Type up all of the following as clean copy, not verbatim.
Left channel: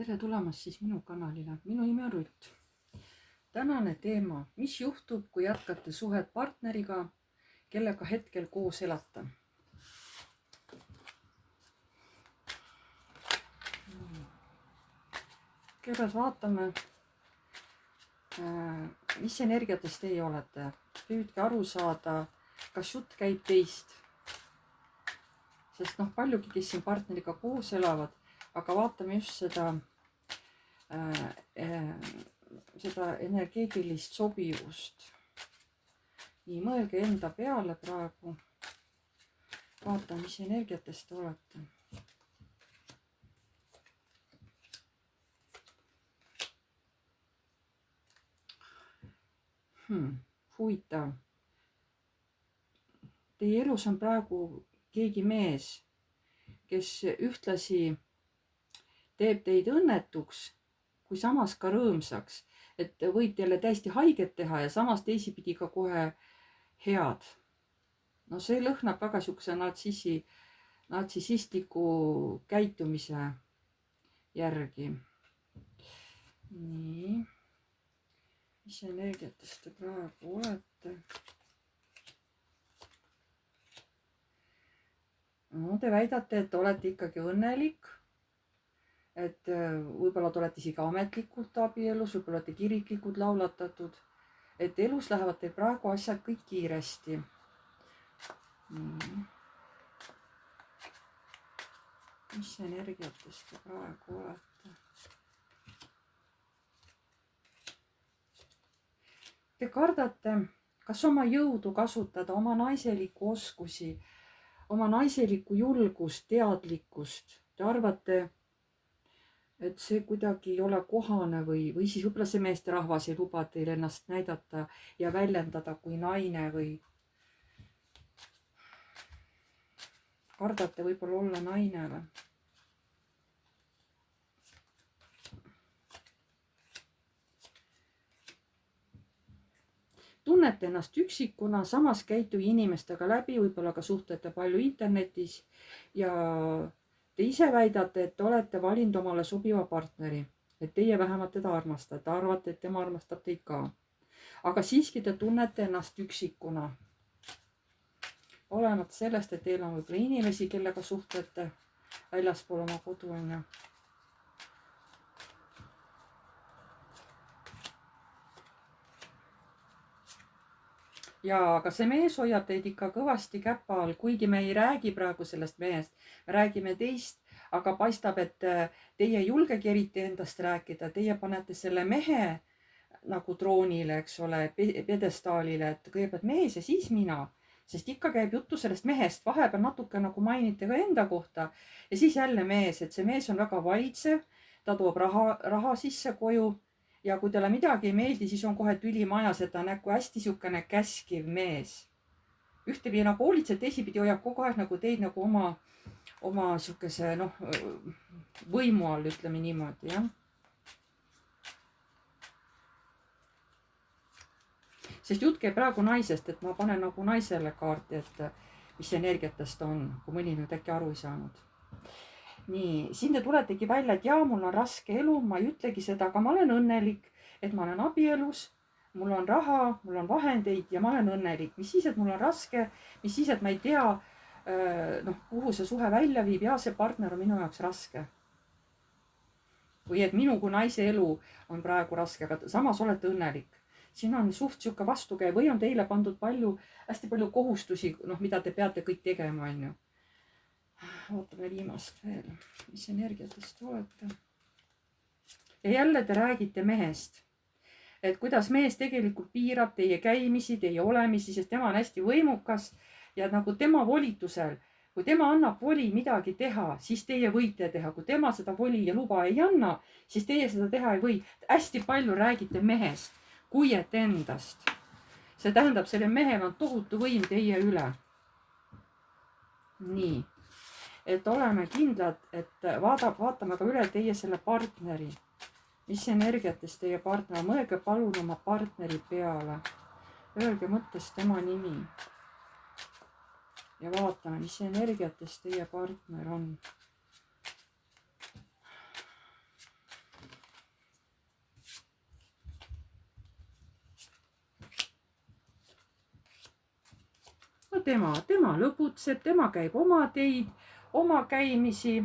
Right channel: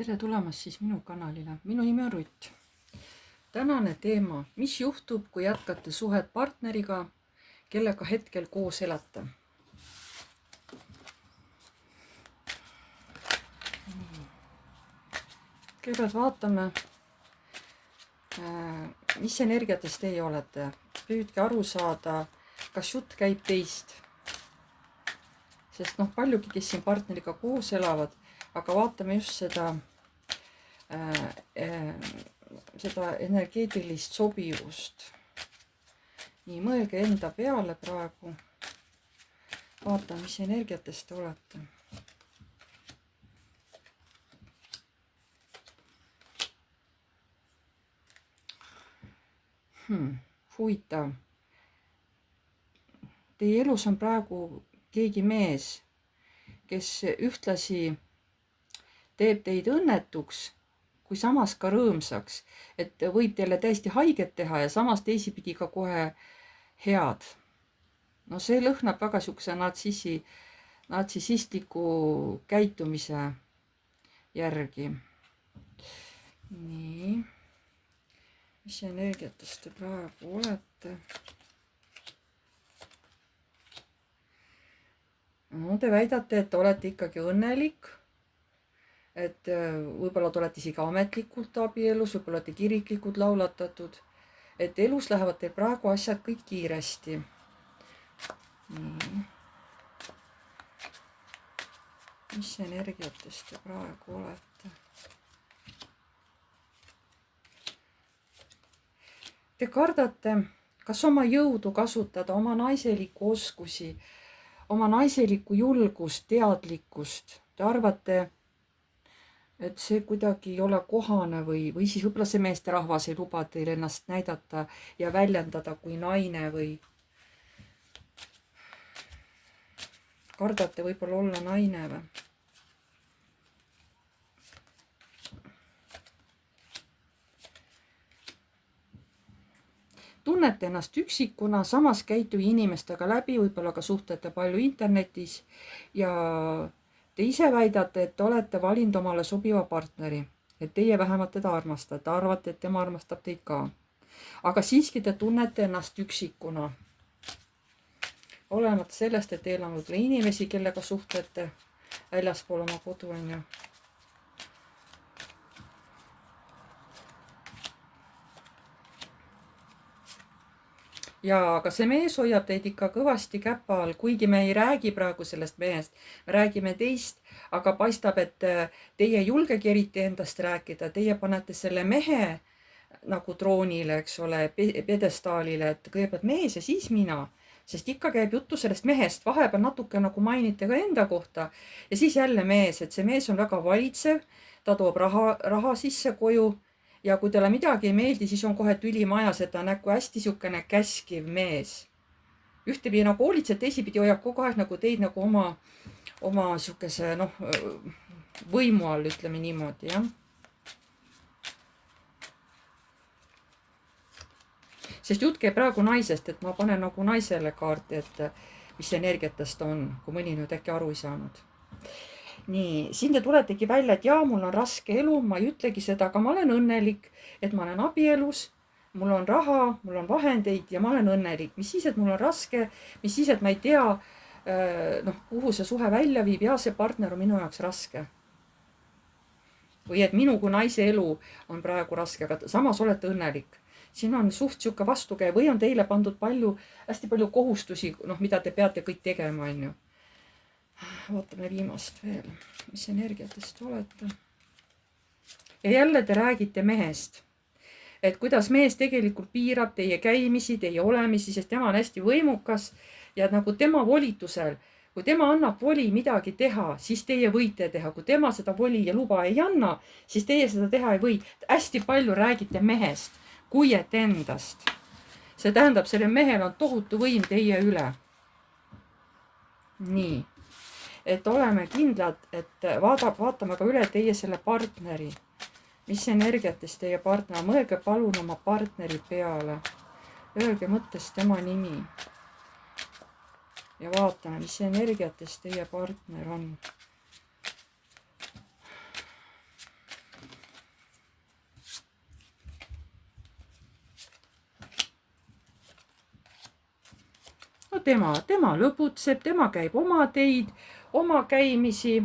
tere tulemast siis minu kanalile. Minu nimi on Rutt. Tänane teema, mis juhtub, kui jätkate suhet partneriga, kellega hetkel koos elate? Kõigepealt vaatame, mis energiates teie olete. Püüdke aru saada, kas jutt käib teist. Sest paljugi, kes siin partneriga koos elavad, aga vaatame just seda energeetilist sobivust. Nii, mõelge enda peale praegu. Vaatame, mis energiates te olete. Huvitav. Teie elus on praegu keegi mees, kes ühtlasi teeb teid õnnetuks, kui samas ka rõõmsaks, et võib teile täiesti haiget teha ja samas teisipidi ka kohe head. No see lõhnab väga sihukese natsissistliku käitumise järgi. Nii. Mis energiatest te praegu olete? No, te väidate, et olete ikkagi õnnelik. Et võib-olla te olete isegi ametlikult abielus, võib-olla olete kiriklikult laulatatud. Et elus lähevad teil praegu asjad kõik kiiresti. Nii. Mis energiatest te praegu olete? Te kardate, kas oma jõudu kasutada, oma naiselikku oskusi, oma naiselikku julgust, teadlikkust. Te arvate, et see kuidagi ei ole kohane või siis võib-olla see meesterahvas ei luba teil ennast näidata ja väljendada kui naine või kardate võib-olla olla naine või? Tunnete ennast üksikuna, samas käituge inimestega läbi, võib-olla ka suhtlete palju internetis ja te ise väidate, et te olete valinud omale sobiva partneri, et teie vähemalt teda armastate, arvate, et tema armastab teid ka. Aga siiski te tunnete ennast üksikuna. Olemata sellest, et teil on võib-olla inimesi, kellega suhtlete väljaspool oma kodu, on ju. Ja aga see mees hoiab teid ikka kõvasti käpa all, kuigi me ei räägi praegu sellest mehest, me räägime teist, aga paistab, et teie ei julgegi eriti endast rääkida, teie panete selle mehe nagu troonile, eks ole, pjedestaalile, et kõigepealt mees ja siis mina, sest ikka käib juttu sellest mehest, vahepeal natuke nagu mainite ka enda kohta ja siis jälle mees, et see mees on väga valitsev, ta toob raha sisse koju. Ja kui teile midagi ei meeldi, siis on kohe tüli majas, et ta on nagu hästi sihukene käskiv mees. Ühtepidi nagu hoolitseb, teisipidi hoiab kogu aeg nagu teid nagu oma sihukese võimu all, ütleme niimoodi, jah. Sest jutt käib praegu naisest, et ma panen nagu naisele kaarti, et mis energiatest on, kui mõni nüüd äkki aru ei saanud. Nii, siin te tuletegi välja, et jaa, mul on raske elu, ma ei ütlegi seda, aga ma olen õnnelik, et ma olen abielus, mul on raha, mul on vahendeid ja ma olen õnnelik. Mis siis, et mul on raske, mis siis, et ma ei tea, kuhu see suhe välja viib ja see partner on minu jaoks raske. Või et minu kui naise elu on praegu raske, aga samas olete õnnelik. Siin on suht sihuke vastukäiv või on teile pandud hästi palju kohustusi, mida te peate kõik tegema, on ju. Vaatame viimast veel, mis energiatest olete. Ja jälle te räägite mehest, et kuidas mees tegelikult piirab teie käimisi, teie olemisi, sest tema on hästi võimukas ja nagu tema volitusel, kui tema annab voli midagi teha, siis teie võite teha. Kui tema seda voli ja luba ei anna, siis teie seda teha ei või. Hästi palju räägite mehest, kui et endast. See tähendab, selle mehel on tohutu võim teie üle. Nii. Et oleme kindlad, et vaatame ka üle teie selle partneri. Mis energiatest teie partner, mõelge palun oma partneri peale. Öelge mõttes tema nimi. Ja vaatame, mis energiatest teie partner on. no tema lõbutseb, tema käib oma teid, oma käimisi.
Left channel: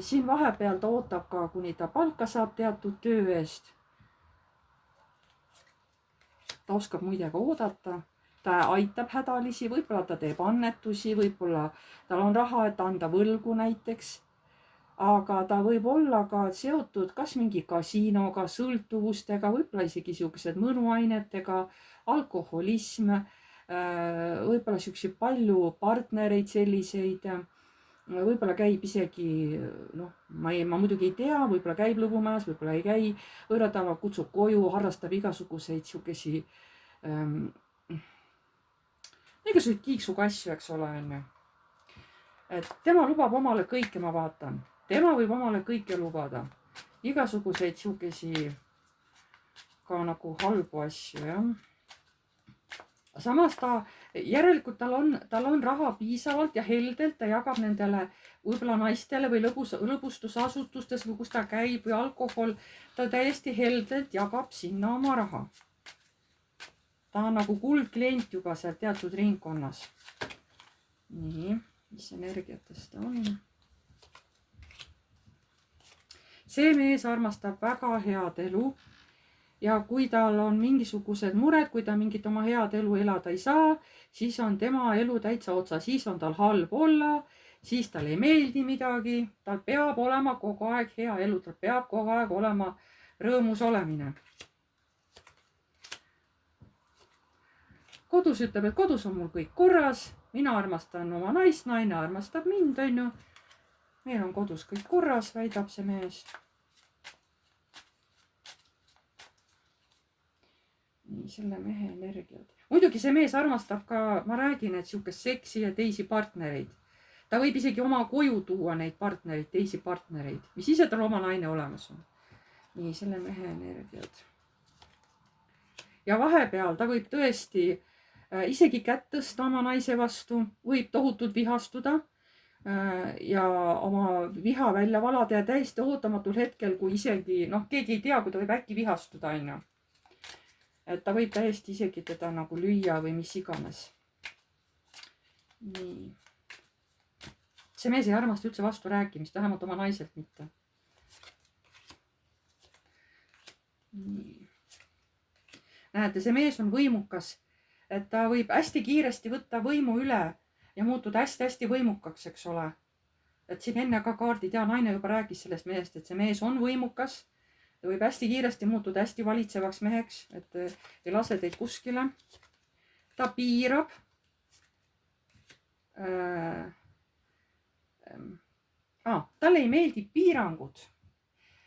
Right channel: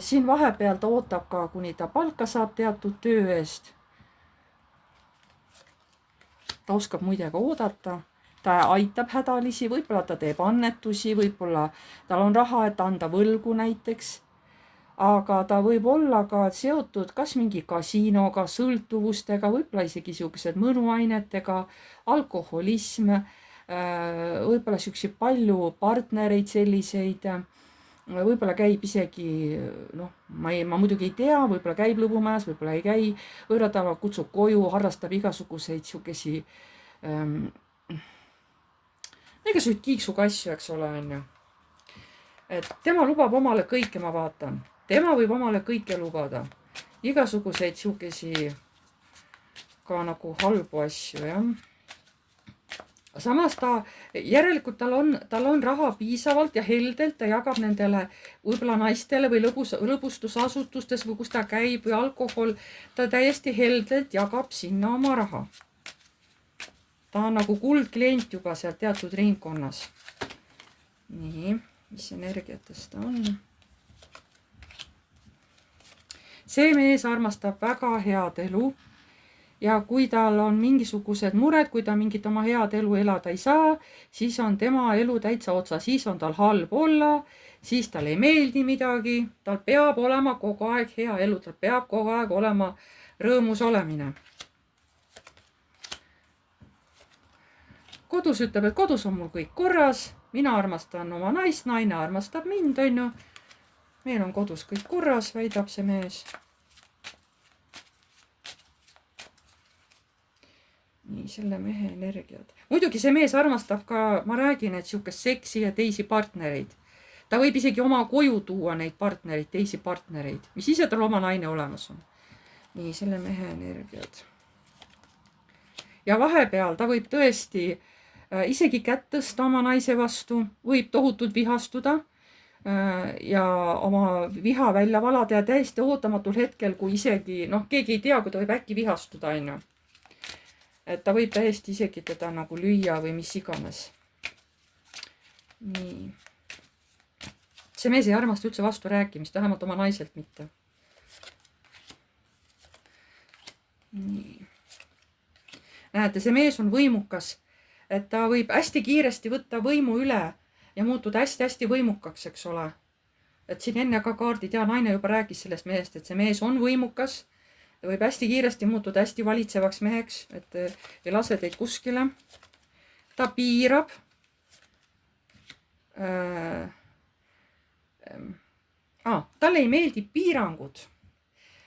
Siin vahepeal ta ootab ka, kuni ta palka saab teatud töö eest. Ta oskab muidega oodata, ta aitab hädalisi, võib-olla ta teeb annetusi, võib-olla tal on raha, et anda võlgu näiteks. Aga ta võib olla ka seotud kas mingi kasiinoga, sõltuvustega, võib-olla isegi niisugused mõnuainetega, alkoholism, võib-olla niisuguseid palju partnereid selliseid, võib-olla käib isegi, noh, ma muidugi ei tea, võib-olla käib lõbumäes, võib-olla ei käi, võõratava kutsub koju, harrastab igasuguseid niisugusi igasuguseid kiiksuga asju, eks ole, on ju. Et tema lubab omale kõike, ma vaatan. Tema võib omale kõike lubada. Igasuguseid niisugusi ka nagu halbu asju, jah. Samas järelikult tal on raha piisavalt ja heldelt, ta jagab nendele võib-olla naistele või lõbustusasutustes või kus ta käib või alkohol, ta täiesti heldelt jagab sinna oma raha. Ta on nagu kuldklient juba seal teatud ringkonnas. Nii, mis energiatest ta on? See mees armastab väga head elu. Ja kui tal on mingisugused mured, kui ta mingit oma head elu elada ei saa, siis on tema elu täitsa otsa, siis on tal halb olla, siis tal ei meeldi midagi, tal peab olema kogu aeg hea elu, tal peab kogu aeg olema rõõmus olemine. Kodus ütleb, et kodus on mul kõik korras, mina armastan oma naist, naine armastab mind, on ju. Meil on kodus kõik korras, väidab see mees. Nii, selle mehe energiat. Muidugi see mees armastab ka, ma räägin, et niisugust seksi ja teisi partnereid. Ta võib isegi oma koju tuua neid partnereid, teisi partnereid, mis ise tal oma naine olemas on. Nii, selle mehe energiat. Ja vahepeal ta võib tõesti isegi kätt tõsta oma naise vastu, võib tohutult vihastuda ja oma viha välja valada ja täiesti ootamatul hetkel, kui isegi, keegi ei tea, kui ta võib äkki vihastuda, on ju. Et ta võib täiesti isegi teda nagu lüüa või mis iganes. Nii. See mees ei armasta üldse vastu rääkimist, vähemalt oma naiselt mitte. Nii. Näete, see mees on võimukas, et ta võib hästi kiiresti võtta võimu üle ja muutuda hästi-hästi võimukaks, eks ole. Et siin enne ka kaardid ja naine juba rääkis sellest mehest, et see mees on võimukas. Ta võib hästi kiiresti muutuda hästi valitsevaks meheks, et ei lase teid kuskile. Ta piirab. Talle ei meeldi piirangud,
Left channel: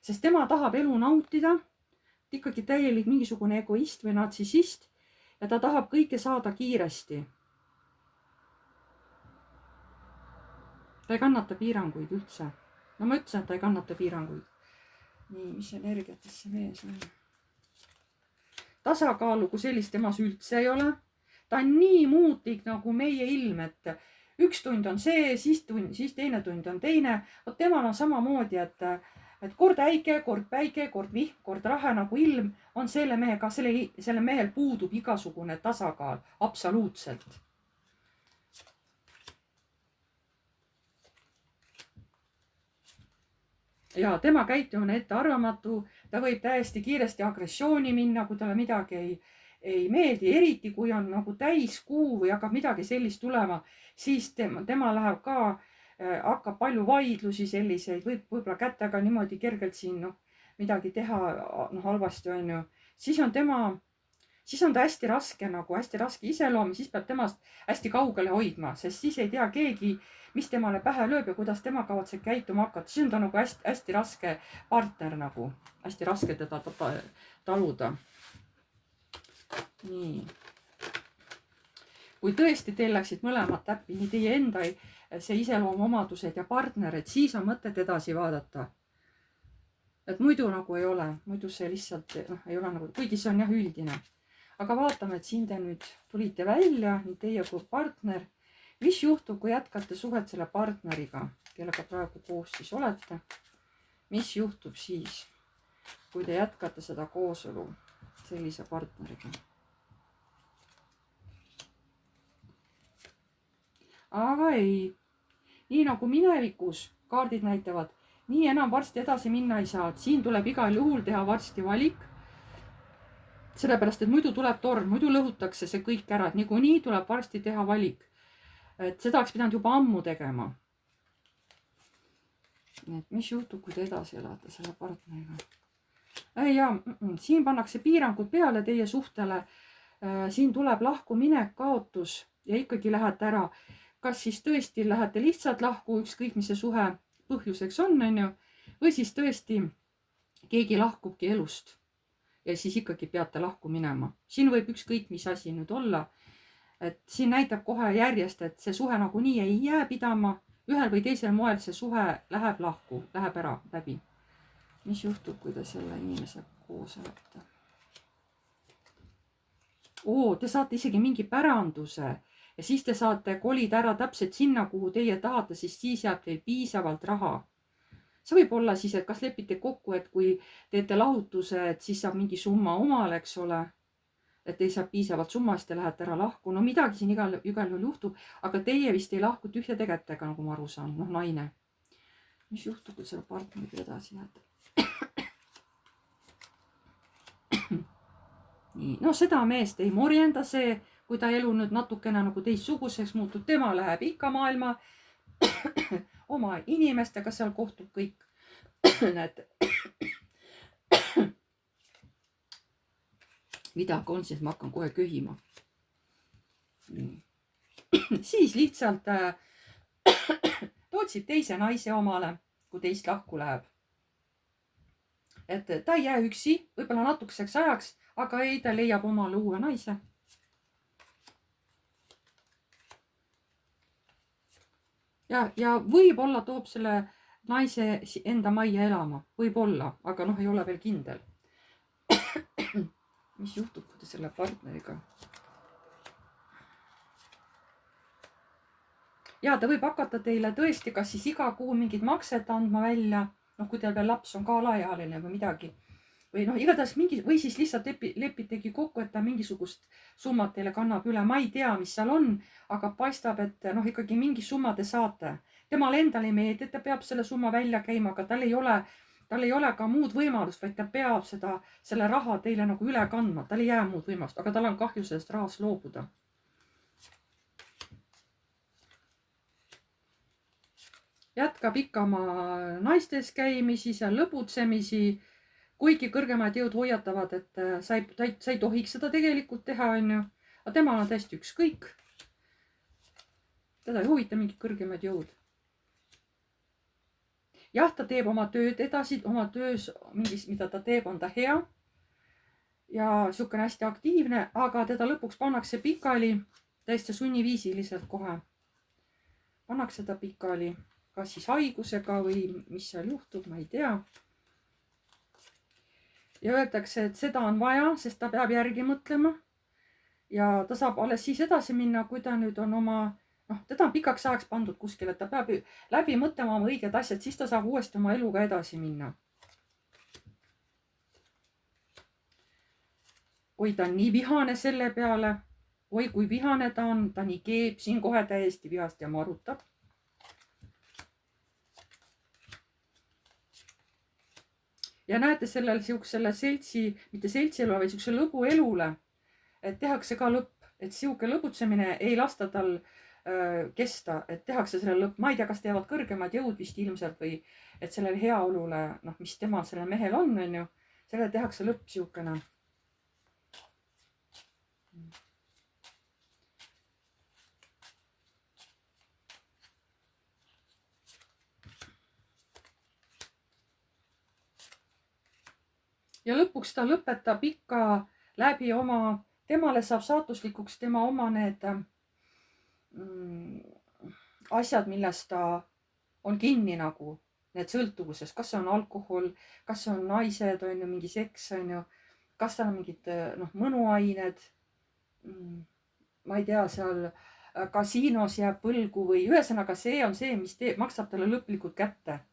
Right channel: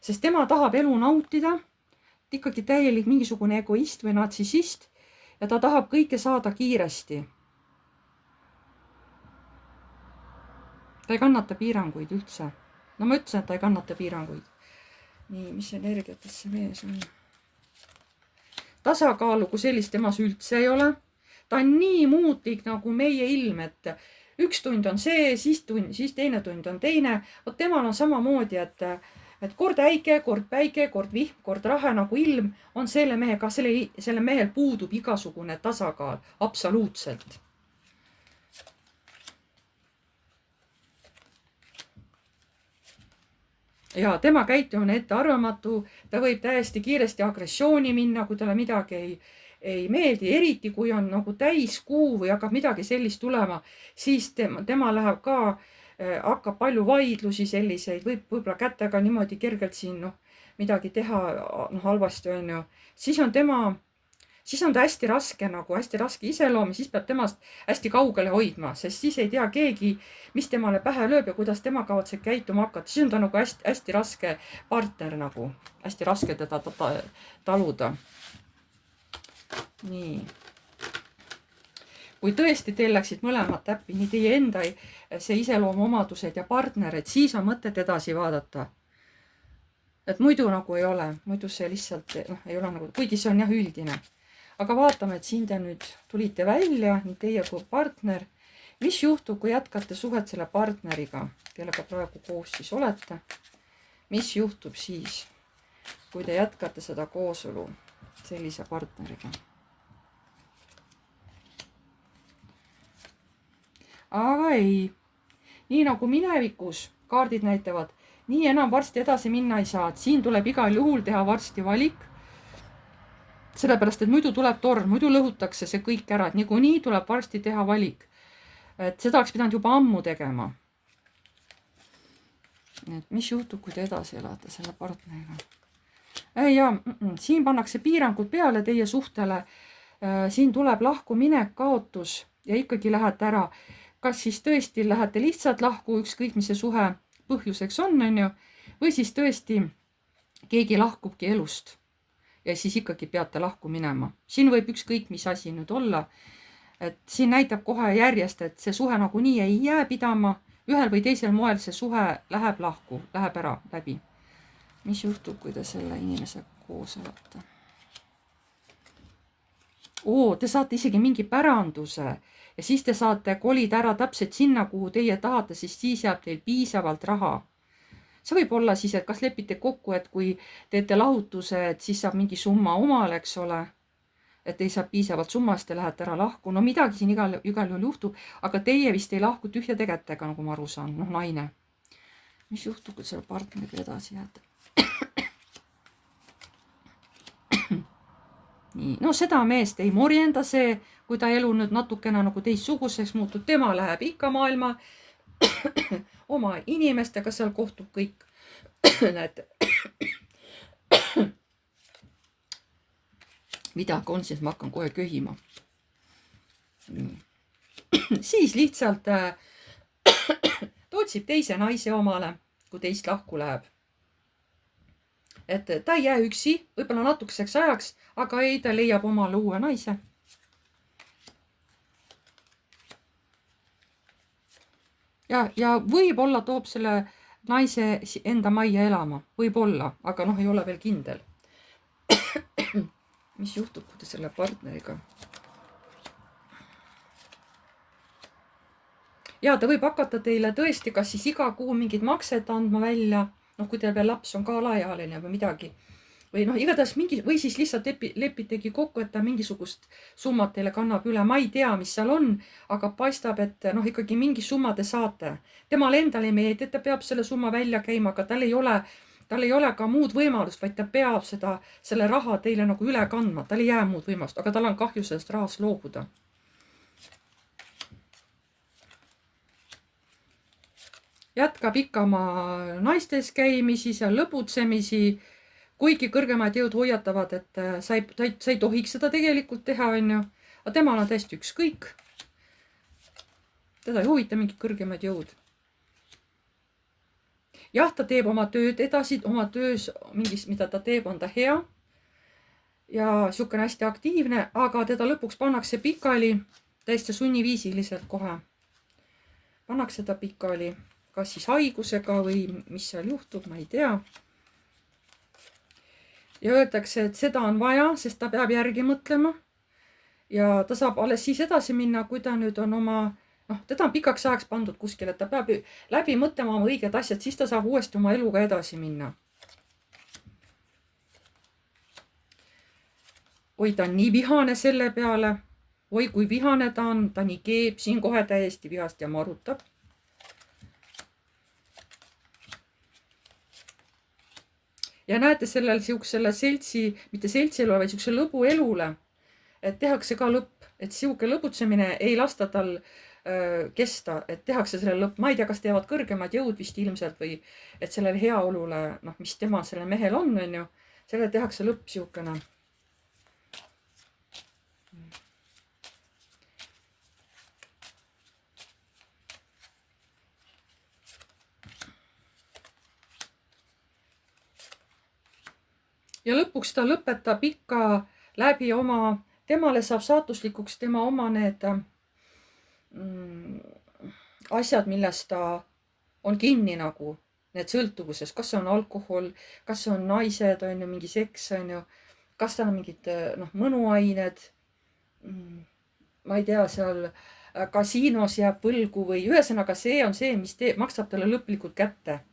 sest tema tahab elu nautida. Ikkagi täielik mingisugune egoist või natsissist ja ta tahab kõike saada kiiresti. Ta ei kannata piiranguid üldse. No ma ütlesin, et ta ei kannata piiranguid. Nii, mis energiates see mees on? Tasakaalu kui sellist temas üldse ei ole. Ta on nii muutlik nagu meie ilm, et üks tund on see, siis teine tund on teine. Temal on samamoodi, et kord äike, kord päike, kord vihm, kord rahe nagu ilm on selle mehega. Selle mehel puudub igasugune tasakaal, absoluutselt. Ja tema käitumine ettearvamatu, ta võib täiesti kiiresti agressiooni minna, kui talle midagi ei meeldi, eriti kui on nagu täiskuu või hakkab midagi sellist tulema, siis tema läheb ka, hakkab palju vaidlusi selliseid, võib-olla kätega niimoodi kergelt siin midagi teha halvasti on ju. Siis on ta hästi raske iseloom ja siis peab temast hästi kaugele hoidma, sest siis ei tea keegi, mis temale pähe lööb ja kuidas tema kavatseb käituma hakata. Siis on ta nagu hästi raske partner nagu, hästi raske teda taluda. Nii. Kui tõesti teil läksid mõlemad täppi, nii teie enda see iseloomuomadused ja partnerid, siis on mõtet edasi vaadata. Et muidu nagu ei ole, muidu see lihtsalt ei ole nagu, kuigi see on jah üldine. Aga vaatame, et siin te nüüd tulite välja, nii teie kui partner. Mis juhtub, kui jätkate suhet selle partneriga, kellega praegu koos siis olete? Mis juhtub siis, kui te jätkate seda koosolu sellise partneriga? aga ei. Nii nagu minevikus kaardid näitavad, nii enam varsti edasi minna ei saa, et siin tuleb igal juhul teha varsti valik. Sellepärast, et muidu tuleb torm, muidu lõhutakse see kõik ära, et niikuinii tuleb varsti teha valik. Et seda oleks pidanud juba ammu tegema. Et mis juhtub, kui te edasi elate selle partneriga? Ja siin pannakse piirangud peale teie suhtele. Siin tuleb lahkuminek, kaotus ja ikkagi lähete ära. Kas siis tõesti lähete lihtsalt lahku, ükskõik mis see suhe põhjuseks on ju, või siis tõesti keegi lahkubki elust ja siis ikkagi peate lahku minema. Siin võib ükskõik mis asi nüüd olla. Et siin näitab kohe järjest, et see suhe nagunii ei jää pidama. Ühel või teisel moel see suhe läheb lahku, läheb ära läbi. Mis juhtub, kui te selle inimese koos olete? Te saate isegi mingi päranduse ja siis te saate kolida ära täpselt sinna, kuhu teie tahate, siis jääb teil piisavalt raha. See võib olla siis, et kas lepite kokku, et kui teete lahutuse, et siis saab mingi summa omale, eks ole, et ei saa piisavalt summast ja lähete ära lahku. No midagi siin igal juhul juhtub, aga teie vist ei lahku tühjade kätega, nagu ma aru saan, naine. Mis juhtub, kui selle partneriga edasi jääte? Nii, no seda meest ei morjenda see, kui ta elu nüüd natukene nagu teistsuguseks muutub, tema läheb ikka maailma oma inimestega, seal kohtub kõik. Näete. Midagi on, siis ma hakkan kohe köhima. Siis lihtsalt otsib teise naise omale, kui teist lahku läheb. Et ta ei jää üksi, võib-olla natukeseks ajaks, aga ei, ta leiab omale uue naise. Ja võib-olla toob selle naise enda majja elama. Võib-olla, aga ei ole veel kindel. Mis juhtub, kui te selle partneriga? Ja ta võib hakata teile tõesti, kas siis iga kuu mingid maksed andma välja, kui teil veel laps on ka alaealine või midagi. Või igatahes või siis lihtsalt lepitegi kokku, et ta mingisugust summat teile kannab üle. Ma ei tea, mis seal on, aga paistab, et ikkagi mingi summa te saate. Temal endal ei meeldi, et ta peab selle summa välja käima, aga tal ei ole ka muud võimalust, vaid ta peab selle raha teile nagu üle kandma. Tal ei jää muud võimalust, aga tal on kahju sellest rahast loobuda. Jätkab ikka oma naistes käimisi, seal lõbutsemisi, kuigi kõrgemad jõud hoiatavad, et sa ei tohiks seda tegelikult teha, on ju. Aga temal on täiesti ükskõik. Teda ei huvita mingid kõrgemad jõud. Jah, ta teeb oma tööd edasi, oma töös mingis, mida ta teeb, on ta hea. Ja siukene hästi aktiivne, aga teda lõpuks pannakse pikali täiesti sunniviisiliselt kohe. Pannakse ta pikali, kas siis haigusega või mis seal juhtub, ma ei tea. Ja öeldakse, et seda on vaja, sest ta peab järgi mõtlema. Ja ta saab alles siis edasi minna, kui ta nüüd on oma, teda on pikaks ajaks pandud kuskil, et ta peab läbi mõtlema oma õiged asjad, siis ta saab uuesti oma eluga edasi minna. Oi, ta on nii vihane selle peale. Oi, kui vihane ta on, ta nii keeb, siin kohe täiesti vihast ja marutab. Ja näete sellel siuksele mitte seltsielule, vaid siukse lõbu elule, et tehakse ka lõpp, et siuke lõbutsemine ei lasta tal kesta, et tehakse selle lõpp. Ma ei tea, kas teevad kõrgemad jõud vist ilmselt või et sellele heaolule, mis tema selle mehel on ju, selle tehakse lõpp siukene. Ja lõpuks ta lõpetab ikka läbi temale saab saatuslikuks tema oma need asjad, millest ta on kinni nagu, need sõltuvuses, kas see on alkohol, kas see on naised, on ju, mingi seks, on ju, kas tal on mingid mõnuained, ma ei tea, seal kasiinos jääb võlgu või ühesõnaga see on see, mis maksab talle lõplikult kätte.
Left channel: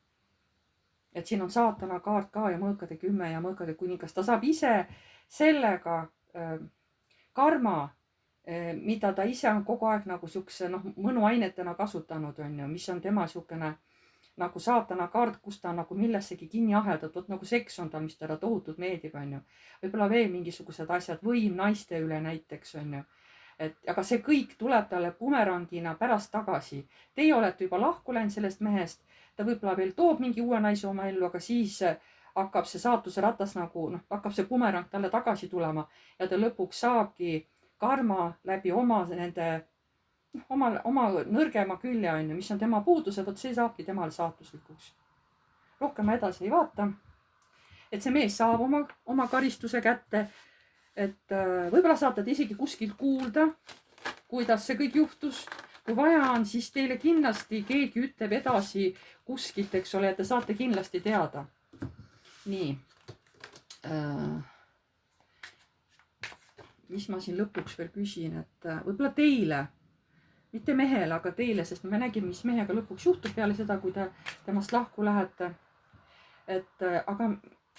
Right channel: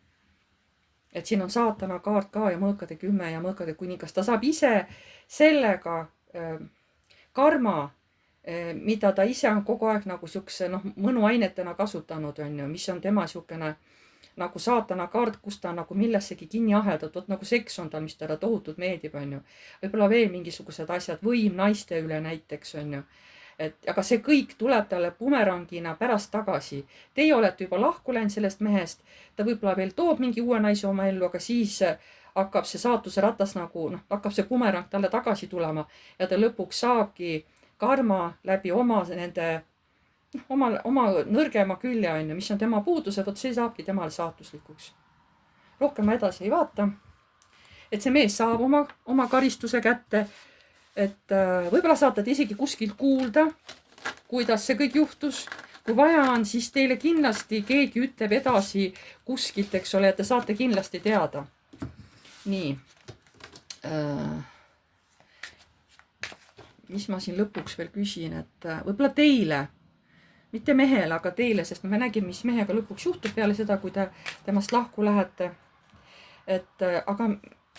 Et siin on saatana kaart ka ja mõõkade 10 ja mõõkade kuningas. Ta saab ise sellega karma mida ta ise on kogu aeg nagu siukse mõnuainetena kasutanud, on ju, mis on tema siukene nagu saatana kaart, kus ta on nagu millessegi kinni aheldatud, vot nagu seks on tal, mis talle tohutult meeldib, on ju. võib-olla veel mingisugused asjad, võim naiste üle näiteks, on ju. et aga see kõik tuleb talle bumerangina pärast tagasi. Teie olete juba lahku läinud sellest mehest, ta võib-olla veel toob mingi uue naise oma ellu, aga siis hakkab see saatuse ratas nagu hakkab see bumerang talle tagasi tulema ja ta lõpuks saabki karma läbi oma nende oma nõrgema külje, on ju, mis on tema puudused, vot see saabki temale saatuslikuks. Rohkem ma edasi ei vaata. et see mees saab oma karistuse kätte. et võib-olla saate te isegi kuskilt kuulda, kuidas see kõik juhtus. kui vaja on, siis teile kindlasti keegi ütleb edasi kuskilt, eks ole, ja te saate kindlasti teada. nii. mis ma siin lõpuks veel küsin, et võib-olla teile, mitte mehele, aga teile, sest me nägime, mis mehega lõpuks juhtub peale seda, kui te temast lahku lähete. et aga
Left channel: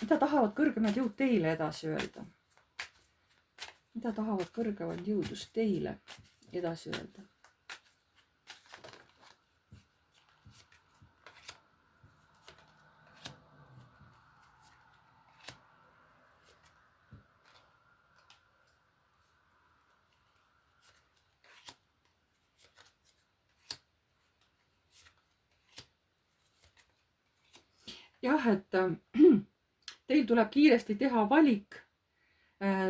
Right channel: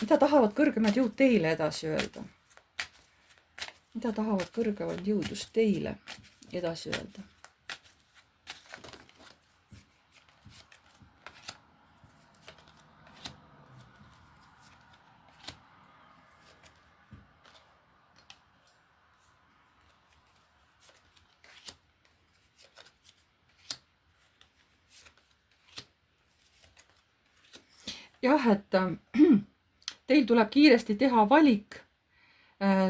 mida tahavad kõrgemad jõud teile edasi öelda? Mida tahavad kõrgemad jõud just teile edasi öelda? jah, et teil tuleb kiiresti teha valik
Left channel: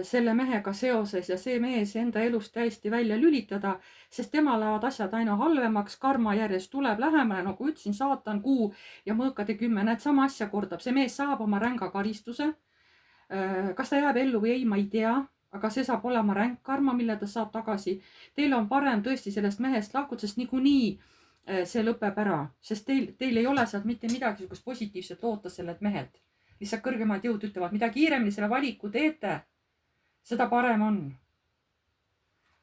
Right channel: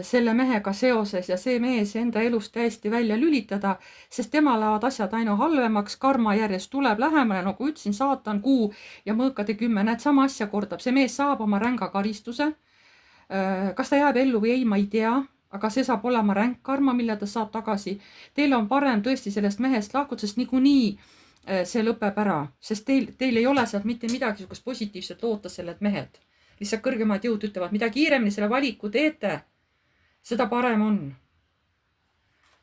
selle mehega seoses ja see mees enda elust täiesti välja lülitada, sest tema lähevad asjad aina halvemaks, karma järjest tuleb lähemale, nagu ütlesin, saatan, kuu ja mõõkade 10, näed, sama asja kordab. See mees saab oma ränga karistuse. kas ta jääb ellu või ei, ma ei tea, aga see saab olema ränk karma, mille ta saab tagasi. Teil on parem tõesti sellest mehest lahkuda, sest niikuinii see lõpeb ära, sest teil ei ole sealt mitte midagi sugust positiivset loota sellelt mehelt. Lihtsalt kõrgemad jõud ütlevad, mida kiiremini selle valiku teete, seda parem on.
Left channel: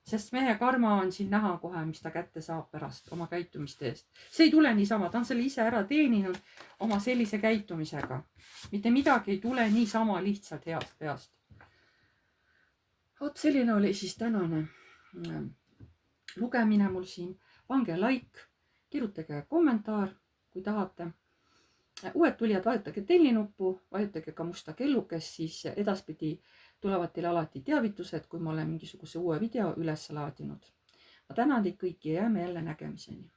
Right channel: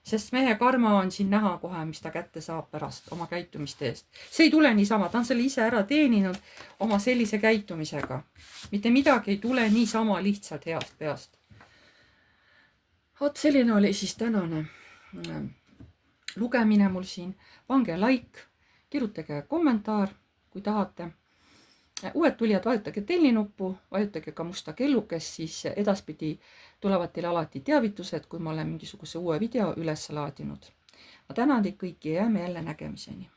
Sest mehe karma on siin näha kohe, mis ta kätte saab pärast oma käitumiste eest. See ei tule niisama, ta on selle ise ära teeninud oma sellise käitumisega. Mitte midagi ei tule niisama lihtsalt heast peast. Vot selline oli siis tänane lugemine mul siin. Pange like. Kirjutage kommentaar, kui tahate. Uued tulijad, vajutage tellinuppu, vajutage ka musta kellukest, siis edaspidi tulevad teile alati teavitused, kui ma olen mingisuguse uue video üles laadinud. Ma tänan teid kõiki ja jääme jälle nägemiseni.